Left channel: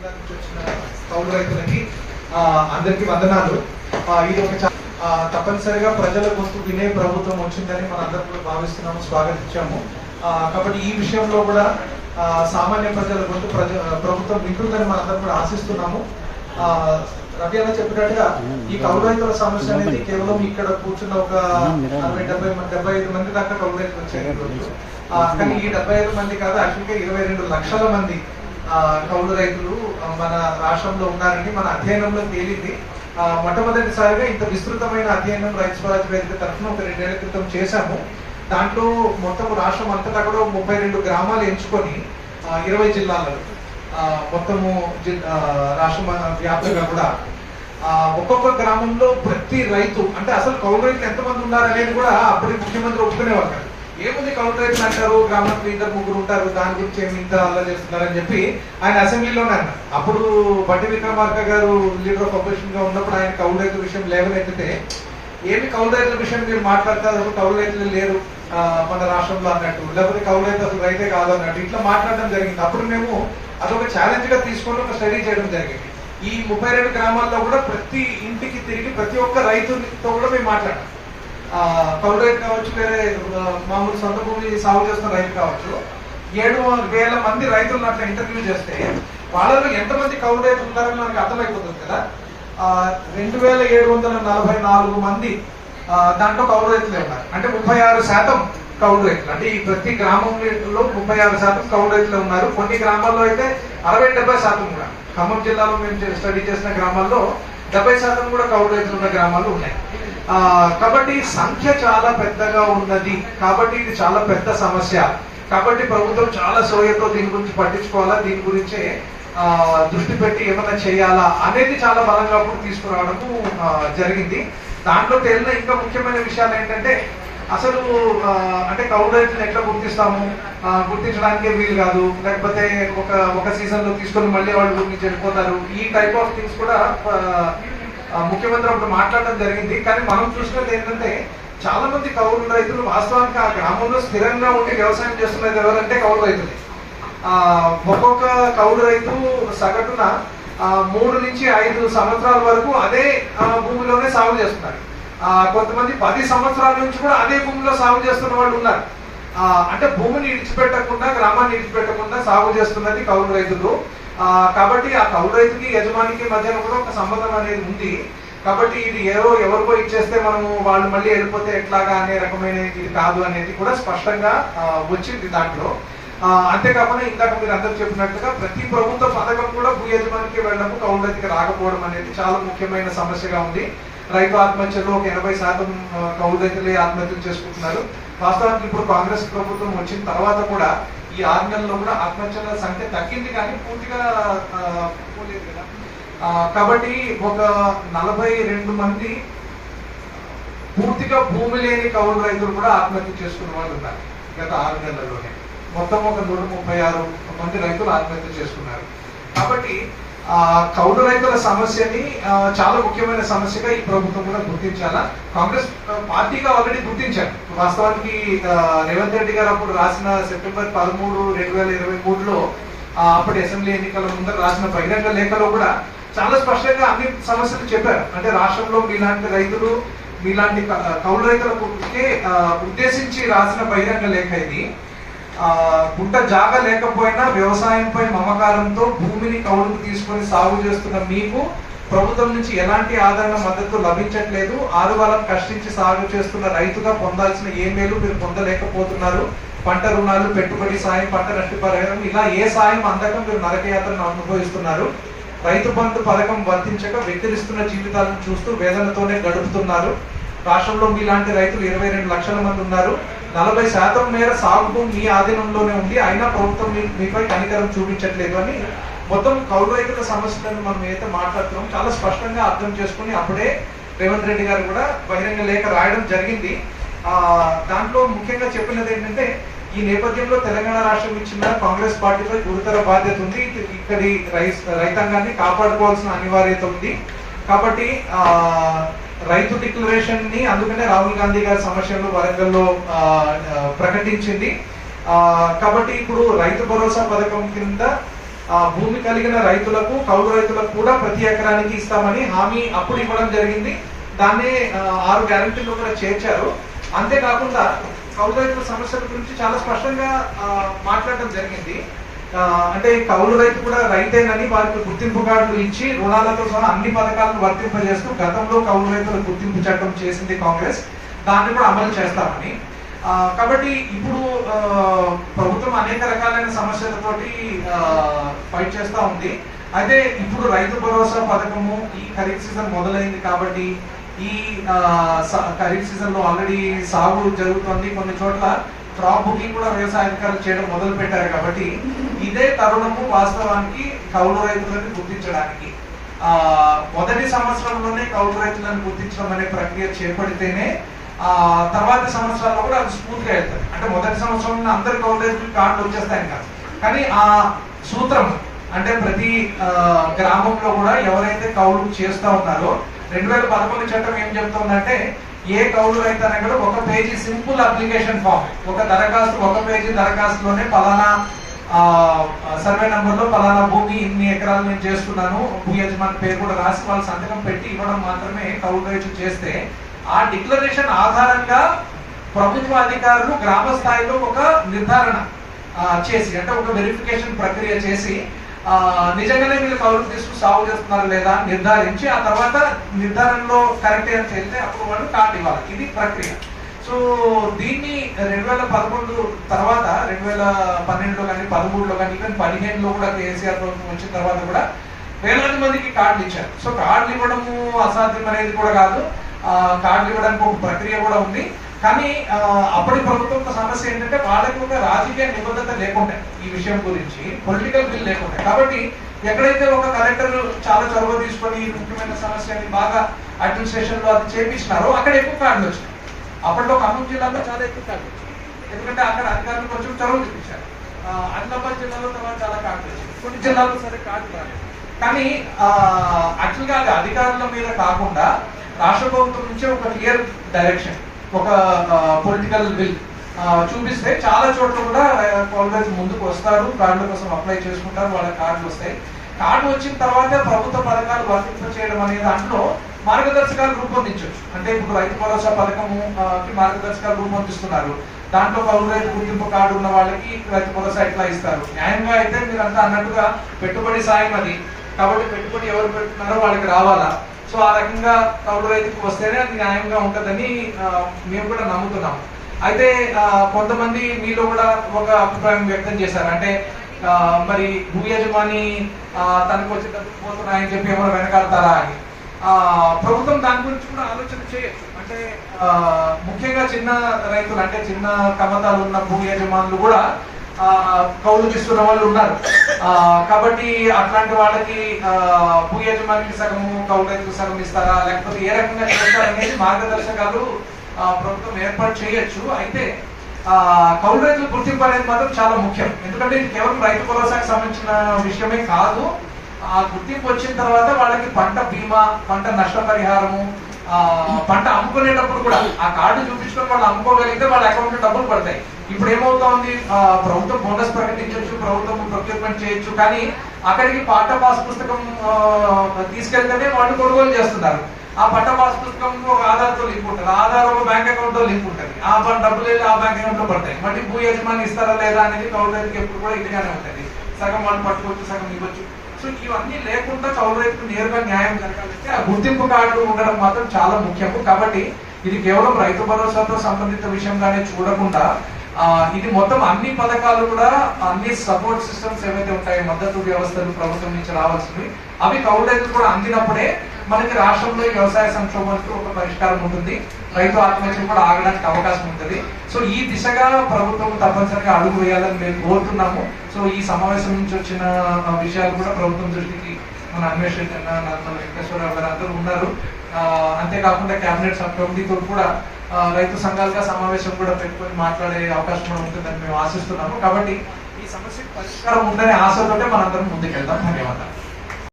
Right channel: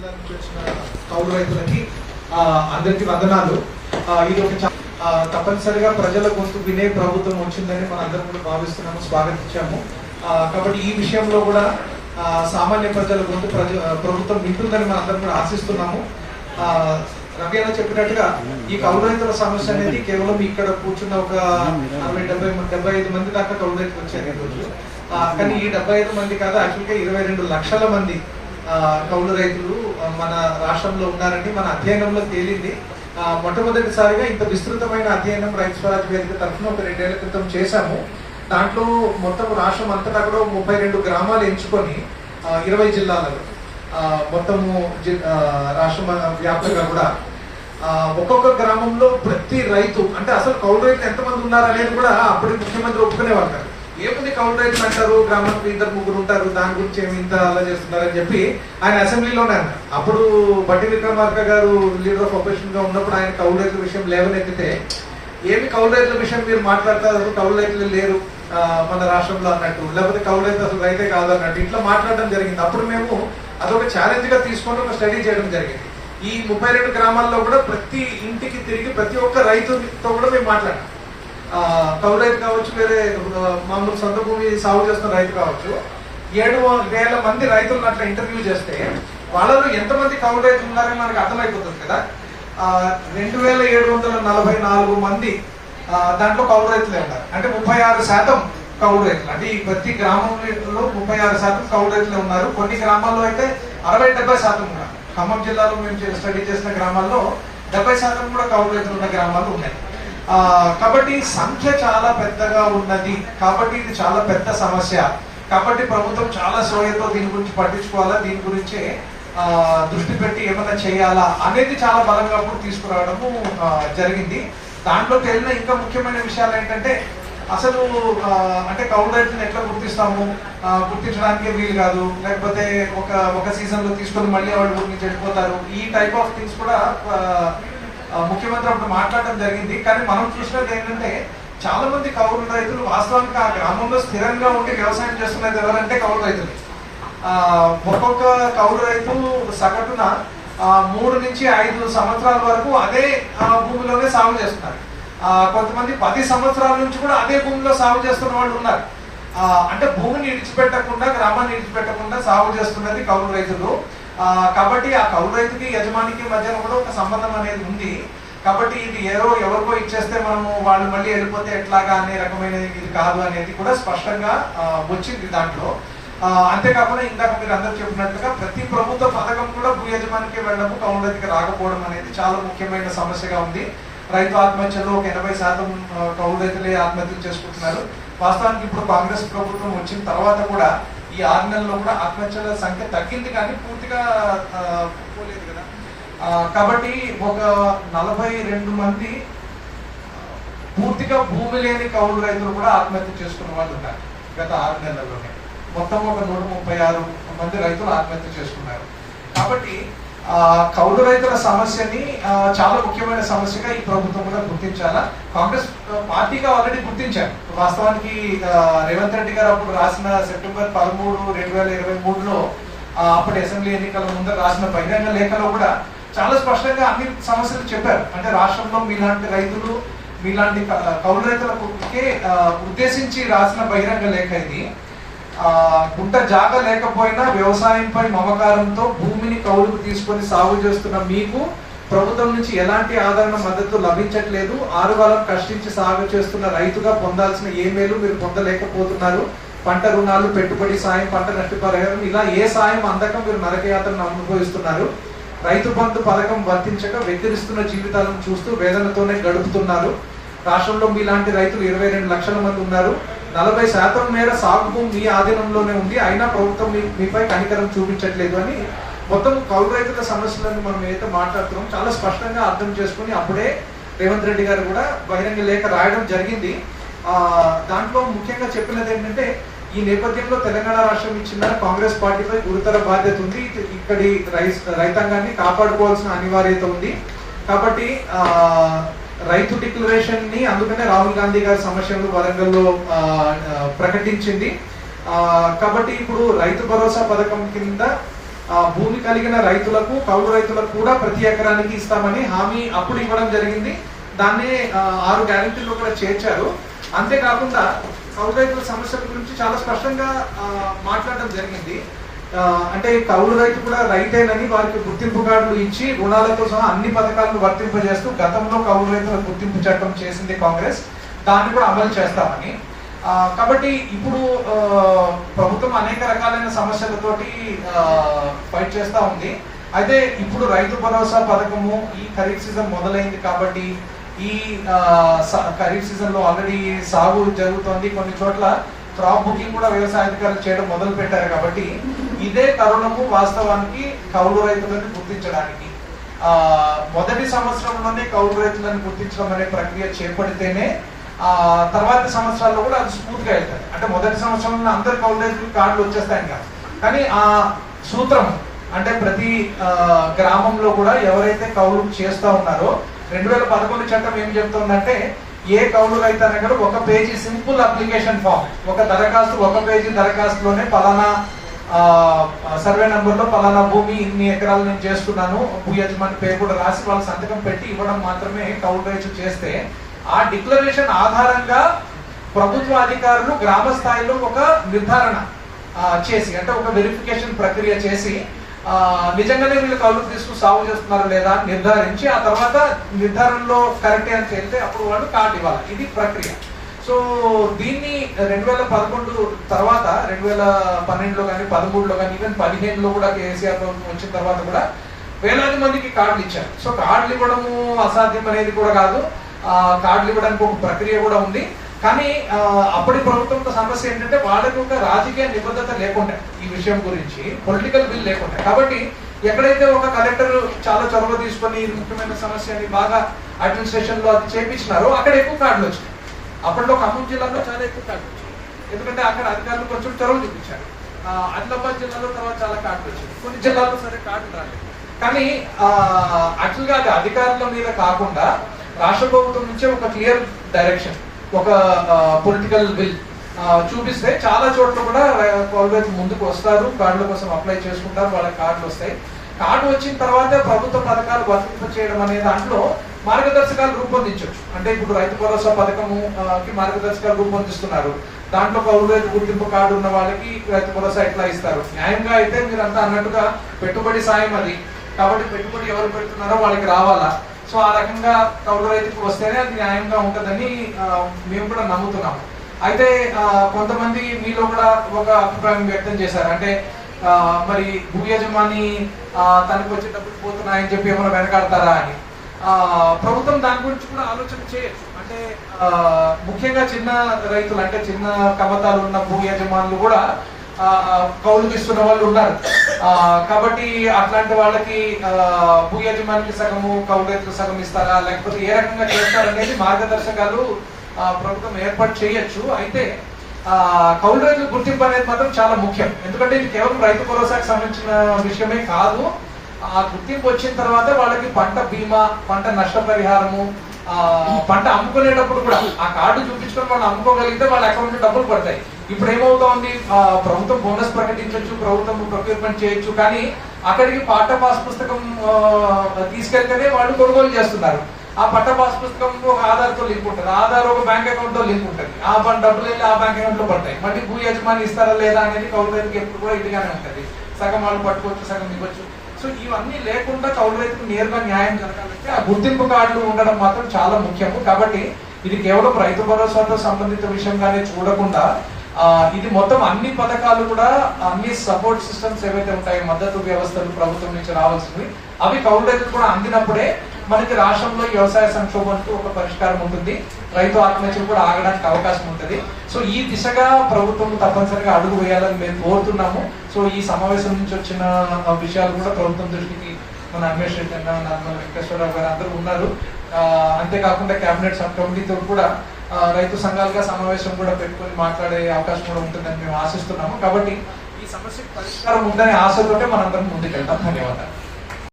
నుంచి వచ్చిన కౌలు రైతులకి ఆ, అందరికీ వందనాలు. ఇది ఒక తప్పనిసరిగా ప్రజల గొంతు వినే ప్రభుత్వం వచ్చిందని మనం అందరం కూడా భావిస్తున్నాము స్వాగతించాము. కాబట్టి ఈ విషయంలో కూడా సామాన్య ప్రజల గొంతు ప్రజ ప్రభుత్వం వింటుందని మనం అందరం కూడా ఆశిస్తున్నాము. ఆ, రవి అన్న చెప్పినట్టుగా ఈ కౌలు రైతుల సమస్య అనేది కేవలం ఇక్కడ కూర్చున్న ఒక అరవై డెబ్బై డెబ్బై ఐదు మంది దాకా కౌలు రైతులు వచ్చారు ఈ రోజు కానీ ఈ డెబ్బై ఐదు మంది కాదు యాక్చువల్గా ఇరవై రెండు లక్షల మంది కౌలు రైతులు మన రాష్ట్రంలో ఉన్నారని మన అధ్యయనంలో తేలింది. మొట్టమొదటిసారిగా ఇంత విస్తృతమైన అధ్యయనం రైతు స్వరాజ్ వేదిక తరఫున ఒక రెండేళ్ళ క్రితం చేశాము. దాంట్లో మొత్తం రాష్ట్రం అంతటా కూడా ముప్పై రెండు గ్రామాలు ఎంచుకొని ఇరవై జిల్లాలలో మొత్తము జి- రాష్ట్రం వ్యాప్తంగా కూడా. ఒక్కొక్క గ్రామంలో ప్రతి రైతు అంటే అసలు కౌలు రైతులు ఎంతమంది ఉన్నారు అనేది కూడా అప్పటి ముఖ్యమంత్రి ఒప్పుకునేవాళ్ళు కాదు. ఏముంది కౌలు అంటారు? గ్రామంలో ఇద్దరు ముగ్గురు ఉంటారు. దాని గురించి ఏమి ఇంత అలా చేస్తున్నారని చెప్పి ఆయన అసెంబ్లీలోనే అన్నారు అప్పుడు బట్టి విక్రమార్క గారు లీడర్ ఆఫ్ అపోజిషన్గా ఉన్నప్పుడు ఆయన కౌలు రైతుల విషయం లేవనెత్తితే ఏమి కౌలు రైతుల విషయం మీరు మాట్లాడతారు? కౌలు రైతులు లేరు మన రాష్ట్రంలో అన్నట్టు. లేకపోతే కౌలు రైతు అసలు రైతే కాదు అన్నట్టు ఇట్లా మాట్లాడడం జరిగింది. అప్పుడు మేము అదొక ఛాలెంజ్గా తీసుకొని ఒక స్టడీ చేయడం జరిగింది. ఈ ముప్పై రెండు గ్రామాల్లో కూడా ప్రతి ఇంటికి తిరిగి ప్రతి ఒక్క రైతుతో కూడా మేము మాట్లాడాం. కౌలు రైతు కావచ్చు వేరే మామూలు సొంత భూమి సాగు చేస్తున్న రైతు కావచ్చు ఏడు వేల మంది రైతులను అట్లా ఇంటర్వ్యూ చేస్తే వాళ్ళలో ఎంతమంది కౌలు రైతులు ఉన్నారని మనకు అర్థమైపోతుంది కదా. రెండు వేల ఏడు వందల నలభై నాలుగు మంది దాంట్లో కౌలు రైతులే ఉన్నారు. అంటే ముప్పై ఆరు శాతం కౌలు రైతులు. అంటే ఈ ప్రతి గ్రామంలో ముప్పై ఆరు శాతం కౌలు రైతులు ఉన్నారు. కొన్ని గ్రామాల్లో అయితే అరవై డెబ్బై శాతం కూడా. ఖమ్మం జిల్లాలో మేము స్టడీ చేసిన గ్రామాల్లో డెబ్బై శాతం కూడా కౌలు రైతులు ఉన్న గ్రామాలు ఉన్నాయి. కాబట్టి సంఖ్య చాలా పెద్దగా ఉన్నది. కాబట్టి ఇది చాలా పెద్ద సమస్య. కాబట్టి ప్రభుత్వం చాలా సోయతో దీని గురించి పట్టించుకోవాలా? దీని గురించే దృష్టి పెట్టి ఏమైనా చేయాలా? అనేది చాలా బలంగా అప్పుడు తీసుకురావడము జరిగింది. దాంట్లో తేలిన ఇంకా ముఖ్యమైన విషయాలు ఏంటంటే అసలు అంటే కౌలు రైతులను ఎట్లా గుర్తిస్తాము? గుర్తించడానికే వీలు కాదు. లేకపోతే ఒక ఒక సీజన్లో తీసుకొని మళ్ళీ వాళ్ళు గురించి నుంచి వెళ్ళిపోతారు ఈ టైప్ ఆఫ్ థింగ్స్ కూడా ముఖ్యమంత్రి అప్పుడు మాట్లాడడం జరిగింది. కానీ మనం చూసినది ఏంటంటే చాలా మంది కౌలు రైతులు వాస్తవానికి ఆ గ్రామంలో స్థిరంగా ఉండి వ్యవసాయం చేస్తున్నది ఎవరంటే కౌలు రైతులే. ఆ, ఒక్కొక్క కౌలు రైతు సగటున ఆ, మూడు నుంచి ఐదు సంవత్సరాల వరకు అదే ఆ, భూమిలోనే సాగు చేస్తున్నారు. కొంతమంది పది సంవత్సరాల నుంచి కూడా అదే భూమిలో సాగు చేస్తున్న వాళ్ళు ఉన్నారు. అంటే భూమిని ఇడిచిపెట్టకుండా గ్రామాన్ని ఇడిచిపెట్టకుండా సాగు చేస్తున్నది కౌలు రైతులు. కాబట్టి ఆ కౌలు రైతుకి యజమానికి మధ్యన కూడా ఒక సంబంధం అనేది ఉంది. కాబట్టి ఇది ఏదో ఎవరికో ఇచ్చేస్తే మనము వాళ్ళు మళ్ళీ వెళ్ళిపోతే ఎట్లాగా అనే రకమైన ఇది కాదు అనేది కూడా స్పష్టంగా వచ్చింది దాంట్లో. అంతేకాకుండా ఇందాక మీరు అందరు చెప్పినట్లుగా ప్రతి ప్రభుత్వ పథకం కూడా భూ యజమానికి వెళ్ళడము కౌలు రైతుకి రాకపోవడం అనేది చాలా ముఖ్యమైన సమస్యగా ఉంది. రైతు ఆత్మహత్యలో ఒక ఎనభై శాతం కౌలు రైతులే ఆత్మహత్యలు చేసుకుంటున్నారు. వాస్తవానికి ఇప్పుడు కాంగ్రెస్ ప్రభుత్వం వచ్చిన తర్వాత కూడా ఈ ఆరు నెలల్లో కూడా ఆత్మహత్యల సంఖ్య తగ్గింది కానీ పూర్తిగా పోలేదు కదా. కాబట్టి ఒక నలభై రెండు మంది పూర్తిగా భూమి లేని కౌలు రైతులు కూడా ఆత్మహత్య చేసుకున్న వాళ్ళు ఉన్నారు గత ఆరు నెలల్లోనే. మొత్తం ఒక నూట ముప్పై ఆరు మంది రైతులు ఆత్మహత్య చేసుకున్నారు. కాబట్టి కౌలు రైతుల సమస్యని చాలా ముఖ్యమైన సమస్యగా ఈ ప్రభుత్వం కూడా గుర్తించాలా? కాంగ్రెస్ పార్టీగా ఆల్రెడీ గుర్తించారు. వాస్తవానికి రేవంత్ రెడ్డి గారు అప్పుడు రాసిన సెప్టెంబర్ పదమూడు రెండు వేల ఇరవై మూడులో అప్పటి అసెంబ్లీ ఎన్నికల ముందర రాసిన బహిరంగ లేఖలో కూడా చాలా స్పష్టంగా అన్ని సమస్యలు చెప్పారు. అంటే రాష్ట్రంలో మీలాంటి రైతులు మీలాంటి కౌలు రైతులకే ఉద్దేశించి రాసిన బహిరంగ లేఖ ఇది. గుంట జాగ లేకపోయినా వ్యవసాయంపై మమకారంతో భూమిని కౌలుకు తీసుకొని సాగు చేస్తున్న మీకు ప్రభుత్వం నుంచి ఎలాంటి ఆదరణ మద్దతు లభించట్లేదు. ఆరుగాలం కష్టించి సాగు చేస్తున్న రైతుగా పొందాల్సిన ఏ మేలు మీరు పొందలేకపోతున్నారు? పంట రుణాలు పెట్టుబడి సాయం పంట నష్టపరిహారం ఇలా ఏ సాయం అందక మీరు నరకయాత్రను అనుభవిస్తున్నారు? రైతు బంధు పథకం వర్తించక వెక్కిరిస్తున్న జీవితాలను చూస్తూ వేదనతోనే గడుపుతున్నారు. రాష్ట్రంలో మీలాంటి రైతులు ఇరవై రెండు లక్షల మంది ఉన్నారు. నలభై శాతం మేర సాగు భూమి మీ ఆధీనంలోనే ఉంది అయినా ప్రభుత్వం మీ- మీపై కనికరం చూపించట్లేదు అని మొత్తం కౌలు రైతుల సమస్యలను మనం ఏదైతే మాట్లాడుతున్నాం చాలా స్పష్టంగా అర్థం చేసుకుని అప్పుడే రేవంత్ రెడ్డి గారు కూడా బహిరంగ లేఖ రాయడం జరిగింది. దాంట్లో ముఖ్యంగా చెప్పినది ఏంటంటే ఈ నేపథ్యంలో తెలంగాణ రాష్ట్రం ఇచ్చిన కాంగ్రెస్ పార్టీపై గురుతర బాధ్యత ఉంది. ఇక్కడి రై- రైతాంగాన్ని కాపాడుకోవాల్సిన అనివార్యత ఉంది. కాబట్టి ఆ రైతు డిక్లరేషన్ని అందుకనే రాహుల్ గాంధీ గారి సమస్యలు వరంగల్లో ప్రకటించింది. కాబట్టి ఇప్పుడు రైతు భరోసా పథకం కింద భూమి కలిగిన రైతులకు కౌలు రైతులకు కూడా ప్రతి ఎకరానికి ఇస్తామని హామీ అప్పుడు ఇవ్వడం జరిగింది. దాన్ని ఆరు గ్యారంటీలు కూడా చేర్చారు. అంతేకాకుండా కౌలు రైతుల సమస్యల గురించి చాలా స్పష్టంగా మాట్లాడడం జరిగింది. అంటే కౌలు రైతు కూడా రైతేనని వారికి గుర్తింపు కార్డులు ఇచ్చి రుణాలతో సహా అన్ని పథకాలను వర్తింపజేస్తూ గతంలో కౌలు రైతుల గుర్తింపు చట్టం చేసింది కాంగ్రెస్. దాన్ని కూడా అమలు చేస్తామని. కాబట్టి ఇప్పుడు ప్రభుత్వం అనేక రకాలైన సమస్యలతోటి ఫైట్ చేస్తూ ఉంది. అయితే ఇప్పుడు రైతు భరోసా పథకము ఈ ఖరీఫ్ సీజన్ మొదలైంది కాబట్టి ఈ స- ఖరీఫ్ సీజన్లో ఆల్రెడీ సాగు జరుగుతోంది కొన్ని చోట్ల. క్రాప్ బుకింగ్ కూడా వ్యవసాయ అధికారులు చేయడం మొదలు పెట్టారు కాబట్టి ఇదే తరుణము వాస్తవానికి కౌలు రైతులను గుర్తించడానికి. ఆ మొదటి సంవత్సరంలోనే కౌలు రైతులను గుర్తించడం అనే ప్రక్రియ చేపడితేనే ఆ తర్వాతి సంవత్సరాల్లో కూడా అది స్మూత్గా వెళ్తుంది అంటే మొదటి సంవత్సరంలో అందరు కౌలు రైతులకు కార్డులు వచ్చేస్తాయని కాదు. కానీ ఆ సూత్రం అంటే ప్రతి గ్రామంలో కూడా ఎవరైతే కౌలు చేస్తూ ఉన్నారో రెండు వేల పదకొండు చట్టం ఏం చెప్తుందంటే ఏ కౌలు రైతు కూడా ఒక పేజీ సింపుల్ అప్లికేషన్ ఫామ్. ఒక దరఖాస్తు ఒక పేజీ దరఖాస్తులోనే పలానా సర్వే నెంబర్లో పలానా భూమి ఇన్ని ఎకరాలు నేను చేస్తున్నాను భూ యజమాని పేరు కూడా రాసి వాళ్ళ సంతకం పెట్టి ఇవ్వడం మాత్రమే కౌలు రైతు చేస్తే ఆ డిక్లరేషన్ ఆధారంగా ప్రభుత్వ అధికారులు గ్రామ స్థాయిలో ఒక నిర్ధారణ చేసి అంటే ఒక వెరిఫికేషన్ ప్రక్రియ చేసి నిజంగానే వీళ్ళు కౌలు తీసుకు సాగు చేస్తున్నారా లేదా నిర్ధారించి ఆ తర్వాత నిర్ధారణలో కరెక్ట్ అని చెప్తే అప్పుడు వాళ్ళు కార్డు ఇవ్వాలి. ఇది ప్రక్రియ. సో దీన్ని రెండు వేల పదకొండు తర్వాత రెండు వేల పన్నెండులో కానీ పదమూడులో కానీ ఈవెన్ పదిహేనులో కూడా కేసీఆర్ ప్రభుత్వం వచ్చిన తర్వాత కూడా వేలాది మందికి కార్డులు ఇచ్చారు. సో కార్డులు ఇవ్వడము అసాధ్యం అనేది కూడా కాదు. కార్డులు ఇవ్వడానికి ఒక ప్రక్రియ కూడా ఉంది. కానీ అప్పటి ప్రభుత్వం ఒక సమస్య ఏంటంటే వాళ్ళకి ఒక రాజకీయ నిబద్ధత లేకుండా ఈ విషయం గురించి పొలిటికల్ బిల్ లేకుండా కాబట్టి ఎక్కడైతే ఒక కలెక్టర్ చాలా చొరవ తీసుకొని ముఖ్యమైన సమస్యని బాగా అడ్మినిస్ట్రేషన్లో అది చేపించినారో అక్కడ ఎక్కువ కార్డులు వచ్చినాయి. అప్పట్లో ఖమ్మం జిల్లాలో చాలా ఎక్కువ కార్డులు వచ్చాయి ఎందుకంటే అక్కడ అధికారులు కొంచెం చొరవ చూపించారు. ఆదిలాబాద్ జిల్లాలో తర్వాత చాలా కార్డులు వచ్చాయి కొన్ని జిల్లాల్లో సరే కార్డులు రాలేదు. కానీ యాక్చువల్గా అది అధికారుల మీద కాకుండా రాష్ట్ర ప్రభుత్వం నుంచి ఒక క్లియర్ డైరెక్షన్ ఒక పొలిటికల్ బిల్ చూపిస్తే చాలా చోట్ల కూడా కాలేజ్ ముందుకు వస్తారు. కార్డుల కోసం అప్లై చేసుకుంటారు. వాళ్ళ కార్డులు వస్తాయి. కార్డు వచ్చిన తర్వాత ప్రభుత్వ పథకాలు వర్తింప చేయడం అనే దాంట్లో మార్గదర్శకాలు రూపొందించవచ్చు. అంటే ఇప్పుడు రైతు భరోసా పథకము కి మార్గదర్శకాలు రూపొందిస్తున్నారు. దాంట్లో కౌలు రైతు గుర్తింపు కార్డు ఉన్న వాళ్ళకి రైతు భరోసా ఎట్లా ఇస్తారు? న్యాయంగా అయితే మీరు అంతా అన్నట్టుగా పెట్టుబడి సాయం అది. కాబట్టి పెట్టుబడి ఎవరు పెడుతున్నారో వాళ్ళకి రావాలా? సో ఆ రకంగా కౌలు రైతుకు వస్తేనే అది న్యాయంగా ఉంటుందని మేము కూడా నమ్ముతున్నాము అయితే కొంతమంది మీలో కూడా ఒక అభిప్రాయం వ్యక్తం చేశారు. అంటే మరి భూ యజమాని తనకు వచ్చే డబ్బులు పోతున్నాయని చెప్పి ఏమైనా వెనకాడతారా అని. ప్రభుత్వం దాని గురించి కూడా ఆలోచన చేయొచ్చు. అంటే ముఖ్యంగా చిన్న రైతులు అంటే చిన్న కమతాలు ఉన్న భూ యజమానులు కూడా కౌలుకి ఇస్తున్న వాళ్ళు ఉన్నారు. కాబట్టి అట్లాంటి వాళ్ళకి భూ యజమానికి సగము కౌలు రైతులకు సగం ఇస్తారా? లేకపోతే ఏ రకంగా చేస్తారనేది మార్గదర్శకాలు ప్రభుత్వం ఏర్పాటు చేయొచ్చు. అయితే కౌలు రైతుల గుర్తింపు అనేది మాత్రం చాలా ముఖ్యం. ఎందుకంటే ఇది కేవలం రైతు భరోసాకు సంబంధించిన విషయమే కాదు. ఆ గుర్తింపు వచ్చిన తర్వాత వాళ్ళకి పంట బీమా పంట నష్టపరిహారము ఆ, పంట అమ్ముకునేటప్పుడు కూడా ఆ కార్డు చూపించుకొని వాళ్ళు అమ్ముకోగలిగితే వాళ్ళ అకౌంట్ డబ్బులు పడతాయి. ఇప్పుడు ఏమవుతోంది ప్రభుత్వం బోనస్ ప్రకటించవచ్చు ప్రభుత్వం ప్రొక్యూర్మెంట్ చేయొచ్చు కానీ అక్కడికి పాఠ పాస్ పుస్తకం తీసుకెళ్తేనే వాళ్ళు కొనుగోలు చేస్తున్నారు. ఆ పట్ట పాస్ పుస్తకం ఒక ఆధార్తో లింక్ ఉంటుంది. ఆధార్ ఒక బ్యాంక్ అకౌంట్తో లింక్ ఉంటుంది. ఆ ప- డబ్బులు వెళ్ళి ఆ బ్యాంక్ అకౌంట్లో పడతాయి. మళ్ళీ భూ యజమాని ఇస్తారా లేదా అనేది కౌలు రైతుకి ఎప్పుడు కూడా ఇదిగానే ఉంటుంది. సగం వాళ్ళు పట్టుకోవచ్చు సగం ఇవ్వచ్చు. సో ఇవన్నీ లేకుండా కౌలు రైతుకు నేరుగా న్యాయం జరగాలంటే ఆ గుర్తింపు కార్డు ఉండడం మాత్రం చాలా ముఖ్యము. కాబట్టి ఇది కేవలం రైతు భరోసాతో సంబంధిత విషయంగానే చూడకుండా ఇది మొత్తం అన్ని పథకాలు కూడా అన్ని సపోర్ట్ సిస్టమ్స్ ఏవైతే ఉంటాయో మద్దతు వ్యవస్థలు ప్రభుత్వం నుంచి రావాల్సినవి అవి కౌలు కూడా అందినప్పుడే మనకి రాష్ట్రంలో వ్యవసాయ సంక్షోభానికి ఒక పరిష్కారం ఉంటుంది. రైతు ఆత్మహత్యలు కూడా ఆగడానికి అవకాశం ఉంటుంది. సో ఈ దిశగా ప్రభుత్వం తప్పనిసరిగా అడుగు వేయాలని మేము కోరుతున్నాము. సో ఈ సమావేశం నుంచి వచ్చిన విషయాలు కూడా ప్రభుత్వం దృష్టికి మన అన్వేషణ వెంకటేశ్వరరావు గారు అందరూ ఉన్నారు. అంతేకాకుండా కేబినెట్ సబ్ కమిటీతో కూడా రైతు సంఘాలుగా సమావేశం కూడా పెట్టుకొని మాట్లాడే అవకాశం కూడా ఉంటుందని మేము ఆశిస్తున్నాము. కాబట్టి ఈ సమస్యకు పరిష్కారం ఉందనే ఆశతోటే మనందరం ముందుకెళ్దాం. ధన్యవాదాలు.